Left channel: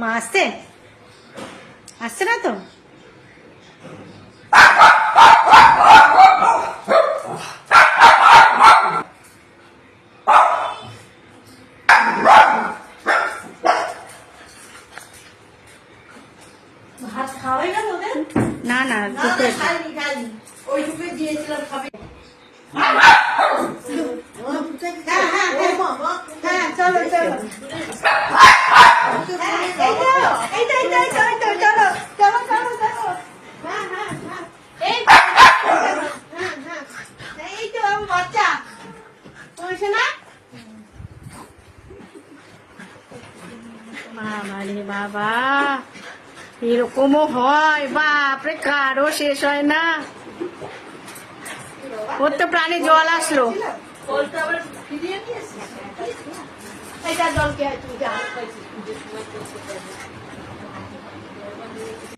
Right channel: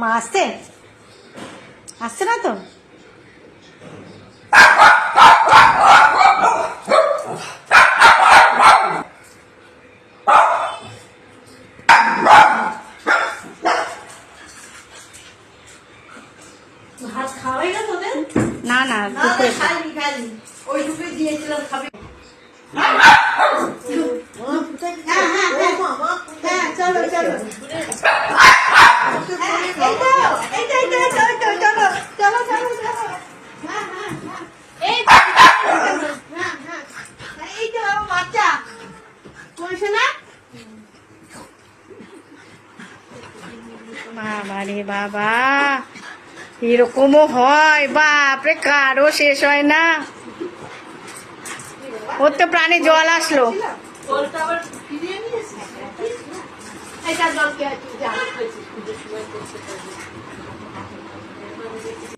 মা আসছে আসছে না তো? ভাত খাওয়াই গেল ওদের? না না না দুপুরে খাইনি খাইনি, ওই দুপুরে দিয়েছিলাম খাবে। হ্যাঁ চলো চলো, এই তো বাচ্চা বলছে না। বাবা রে বাবা, এরকমও হয়? বাপরে, কারও শেষ হয় না। ওর তো প্রাণে জল আসলো। জলটা আবার ফিরিয়ে নিয়েছি। এইটা জল কে তুই যা